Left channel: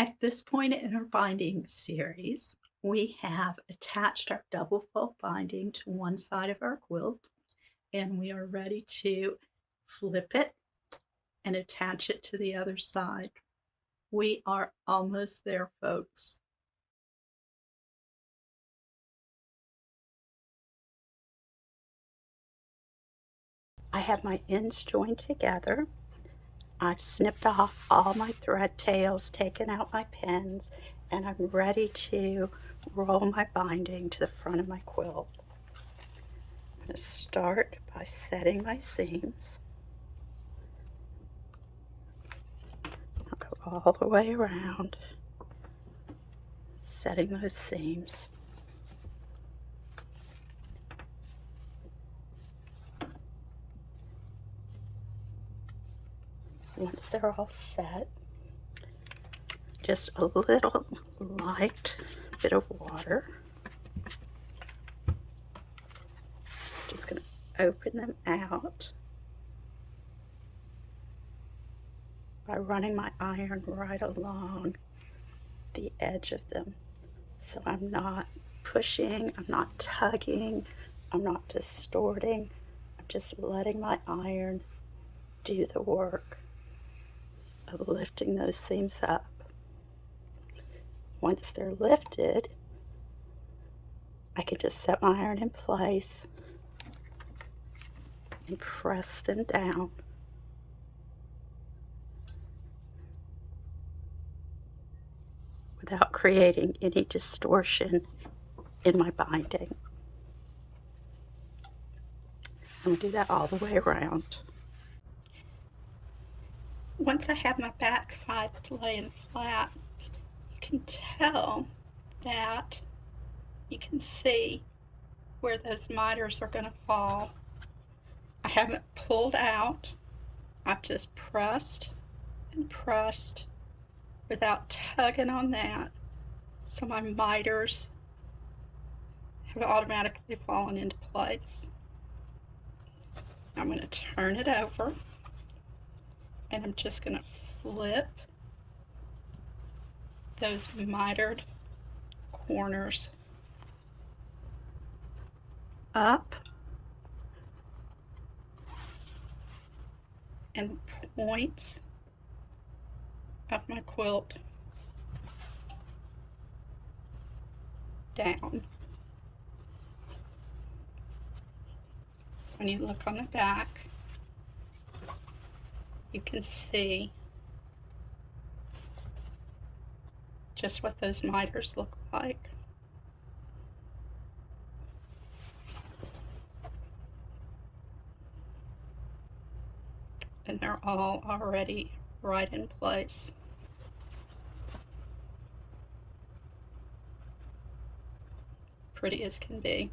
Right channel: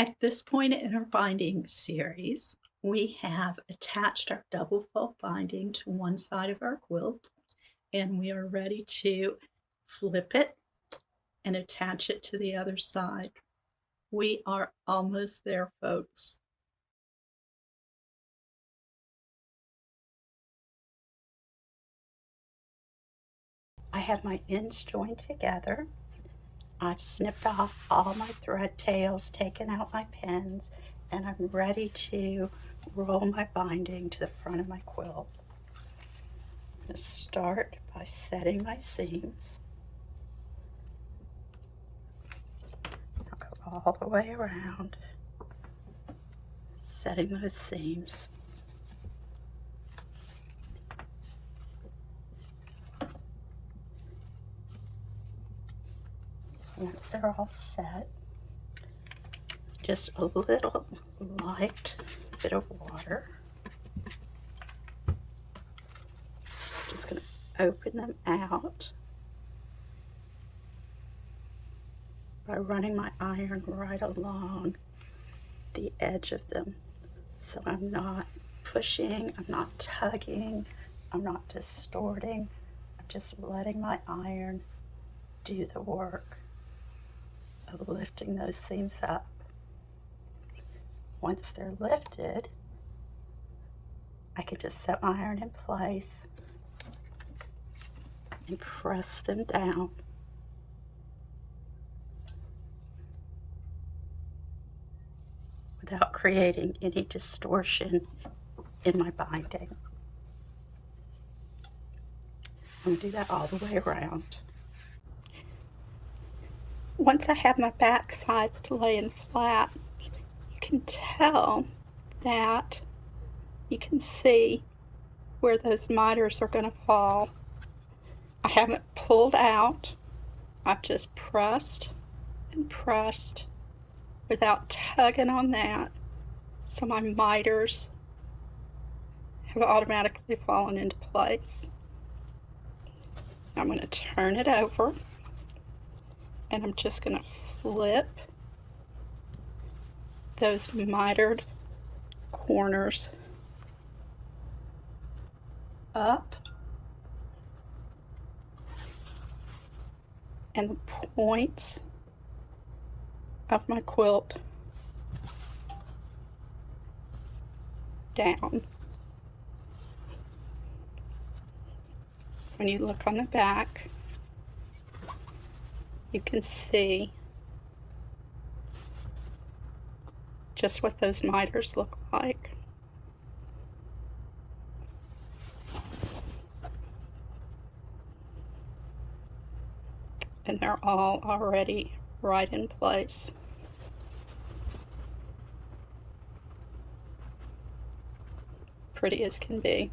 At this point in our binding series, we have attached our double fold binding to one side of our quilt, and we are ready to flip it and attach it to the other side. We are almost there, folks. I have my ends joined together. I've snipped off all my thread tails, taken out my pins, and I'm ready to roll my binding to the front of my quilt. I'm going to start by setting my seams. I'll go all the way around, setting those seams. Once they're all set, just a little light bit of water. Just going to open them out by running my iron right along the edge of them. So I'm not pushing, I'm not tugging, I'm not distorting. I'm just letting my iron do the work of lifting those seams up. Once they're lifted, I can just set my iron in place and press them down. Without creating any distortion in my binding. I'm going to do that all the way around. Once I have my back side laying flat, you can tell that you can see where those miters are going to fall. I haven't pulled out. I've just pressed and pressed without tugging on that. So my miters have automatically fallen into place. I'm going to turn it over, and I'm just going to flip those mitered corners up, and the points of my quilt down. When you look on the back, you can see just what those miters look like. And they're all already right in place. Pretty as can be.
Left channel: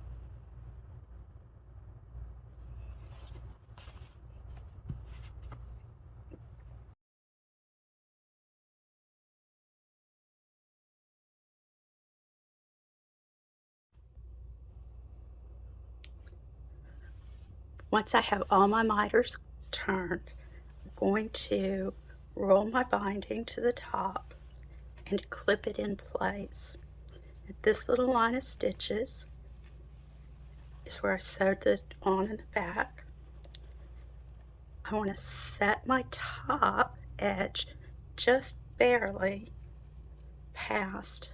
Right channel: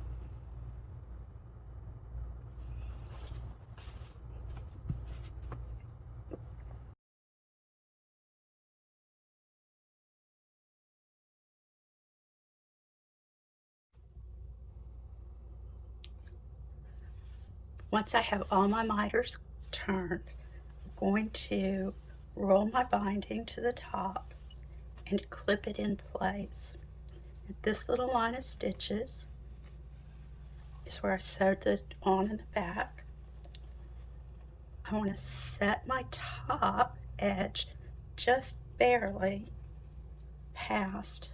Once I have all my miters turned, I'm going to roll my binding to the top and clip it in place. And this little line of stitches is where I sewed the on in the back. I want to set my top edge just barely past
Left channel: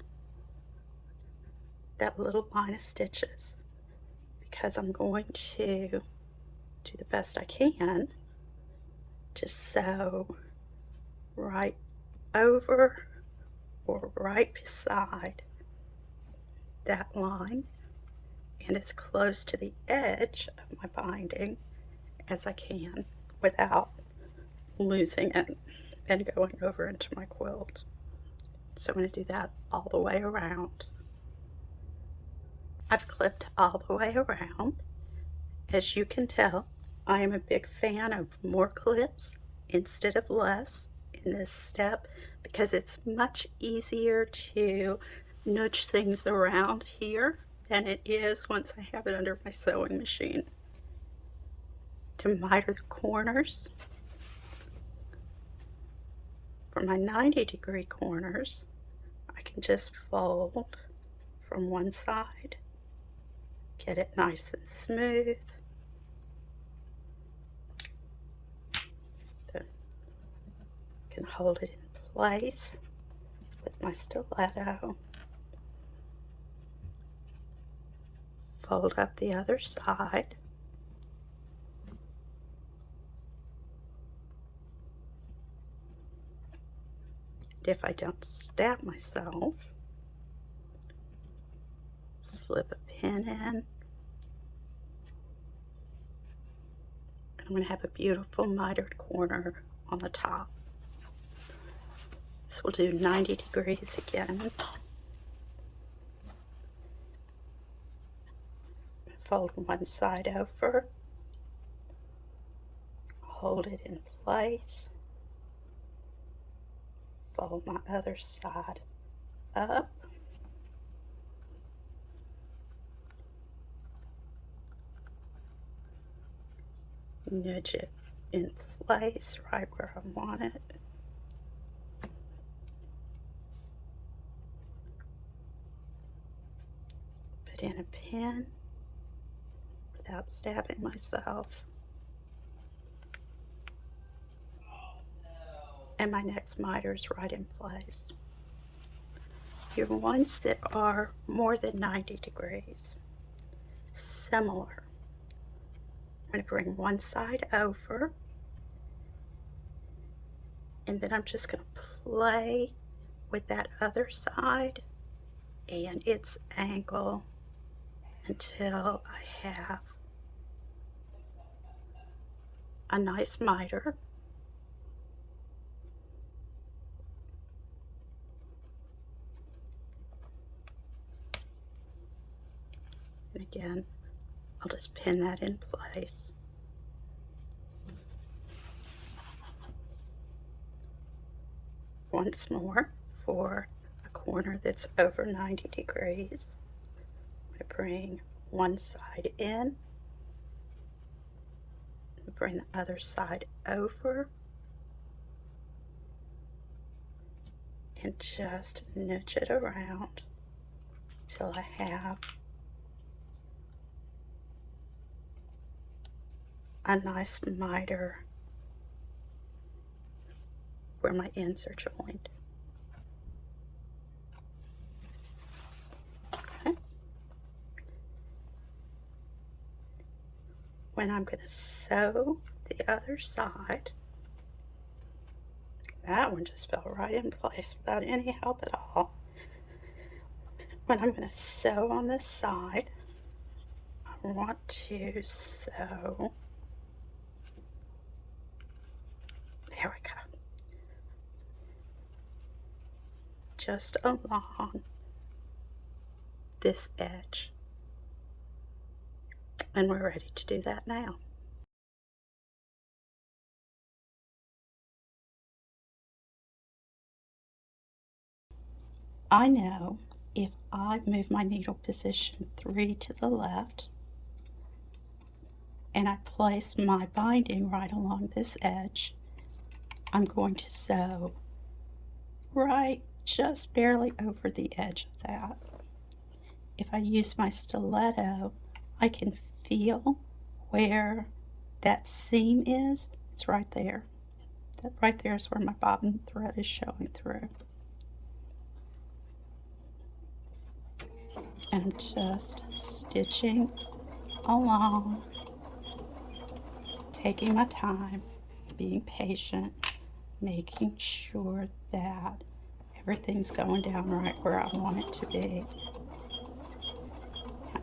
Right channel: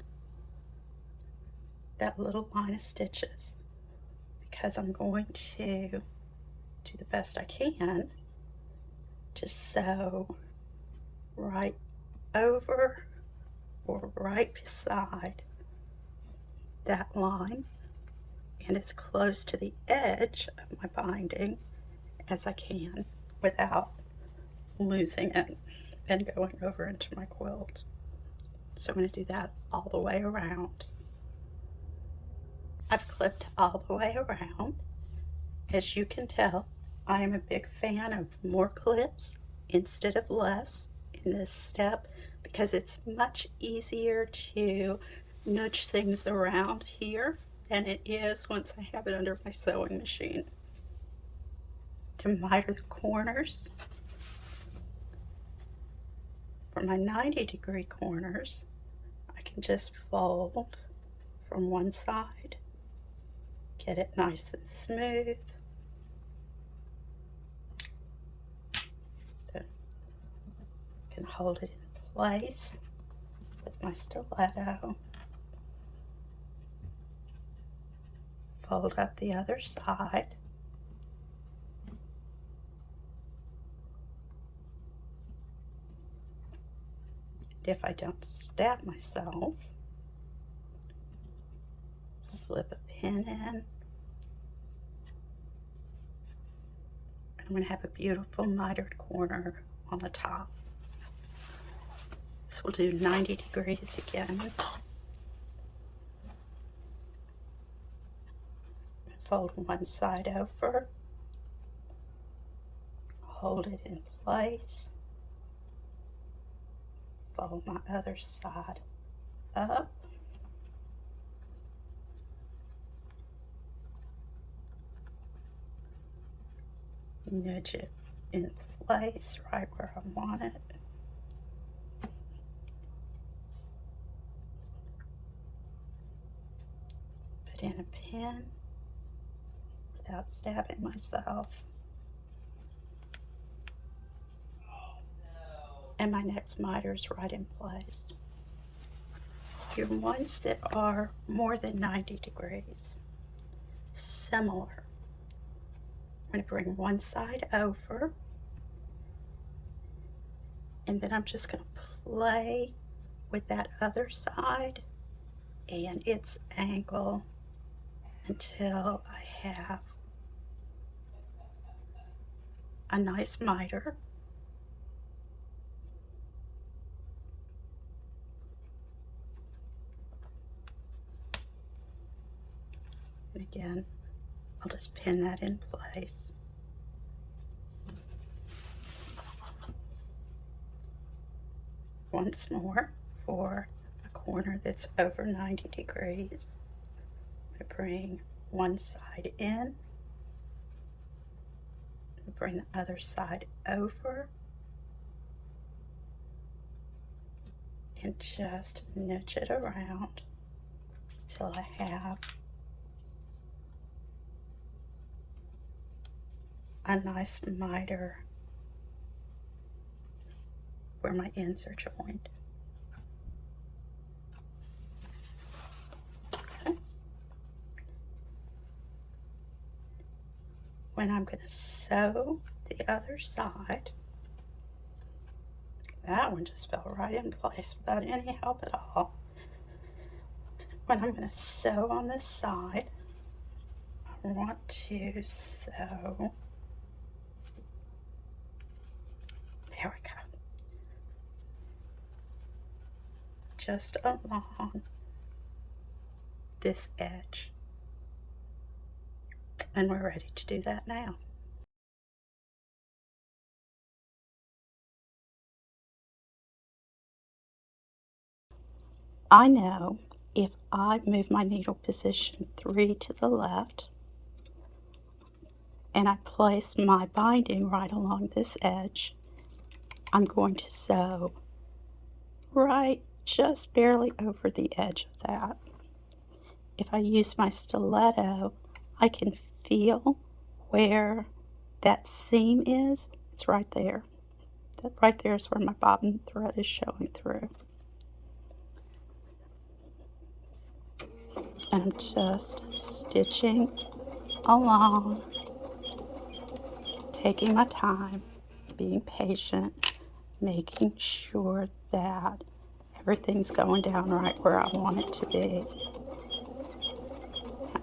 that little line of stitches, because I'm going to do the best I can to sew right over or right beside that line and as close to the edge of my binding as I can without losing it and going over into my quilt. So I'm going to do that all the way around. I've clipped all the way around. As you can tell, I am a big fan of more clips instead of less in this step, because it's much easier to nudge things around here than it is once I have it under my sewing machine. To miter the corners, For my 90-degree corners, I can just fold from one side, get it nice and smooth. Then I can hold it in place with my stiletto. Fold up the other side. And if I don't stab myself, slip a pin in. I'm going to have a beautiful mitered corner on the top. This will do 90 degrees again. Fold one side over, hold it in place, fold my other side up, nudge it in place right where I want it. Put in a pin without stabbing myself. And my next miter is right in place. Your ones that are more than 90 degrees, similar. I'm going to bring one side over, and then I'm just going to play with that other side and its angle until I have a nice miter. And again, I'll just pin that in place. Once more, for a corner that's over 90 degrees, I'm going to bring one side in, bring the other side over, and just nudge it around till I have a nice miter where my ends are joined. Okay. When I'm going to sew the other side, that one just fell right in place without any help at all. When I'm going to sew on this side, I want to sew, there we go, just along this edge. And we're ready to do that now. I know if I move my needle position 3 to the left and I place my binding right along this edge, I'm going to sew right just barely over the edge of that. If I use my stiletto, I can feel where that seam is. It's right there. That right there is where my bobbin thread is showing through. And I'm just stitching along, taking my time, being patient, making sure that everything's going down right where I want it to be.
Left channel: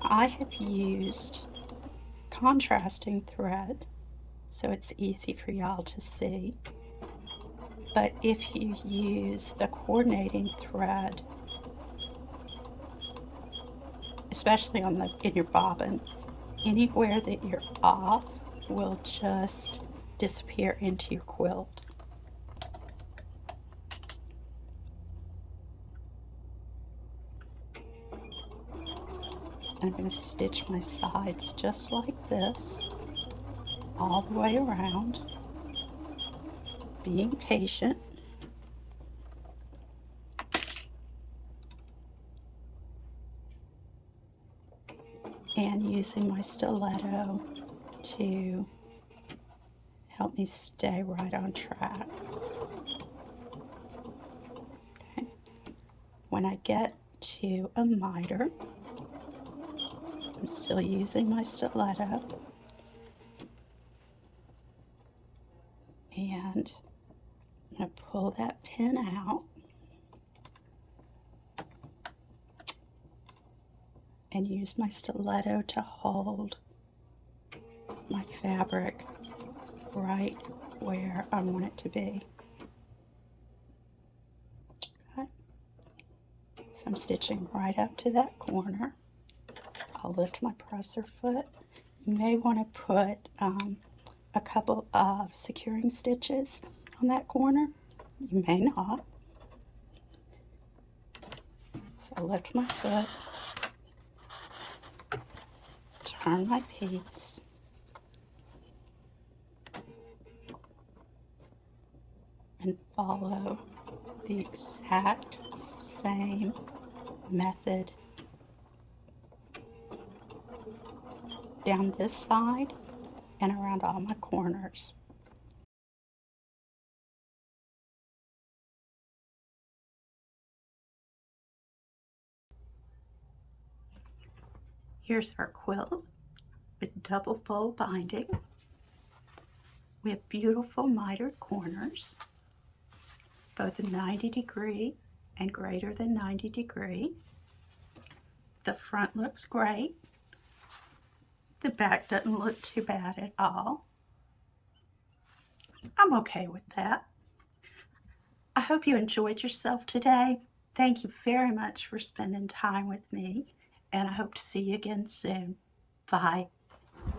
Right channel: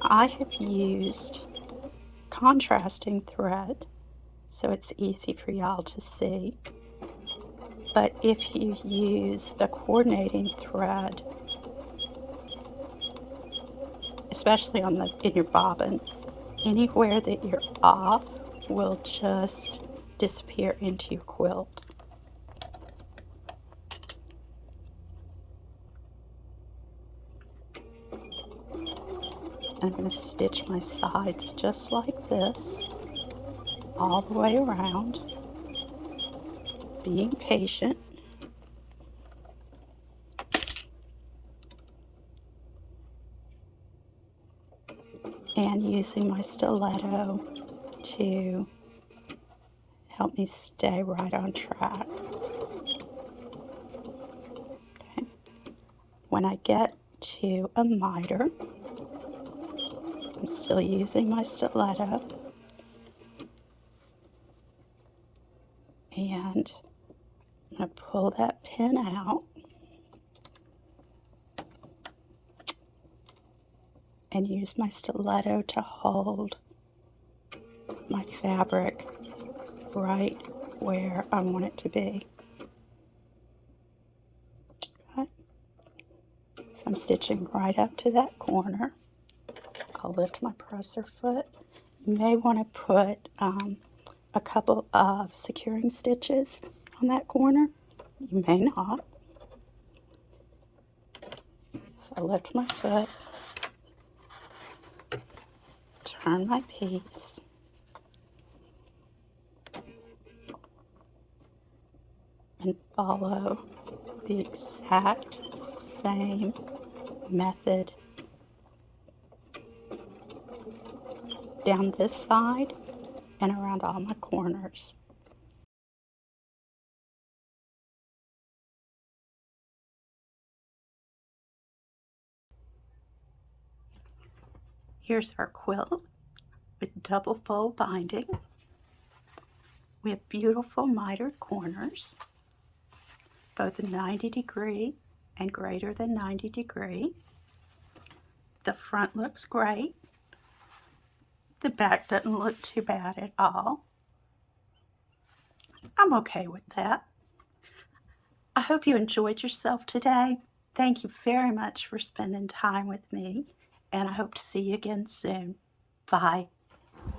I have used contrasting thread so it's easy for y'all to see, but if you use the coordinating thread, especially on in your bobbin, anywhere that you're off will just disappear into your quilt. I'm going to stitch my sides just like this, all the way around, being patient. and using my stiletto to help me stay right on track. Okay. When I get to a miter, I'm still using my stiletto, and I'm going to pull that pin out and use my stiletto to hold my fabric right where I want it to be. Okay. So I'm stitching right up to that corner. I'll lift my presser foot. You may want to put a couple of securing stitches on that corner. You may not. So I lift my foot, turn my piece, and follow the exact same method down this side and around all my corners. Here's our quilt with double fold binding. We have beautiful mitered corners, both 90° and greater than 90°. The front looks great. The back doesn't look too bad at all. I'm okay with that. I hope you enjoyed yourself today. Thank you very much for spending time with me, and I hope to see you again soon. Bye.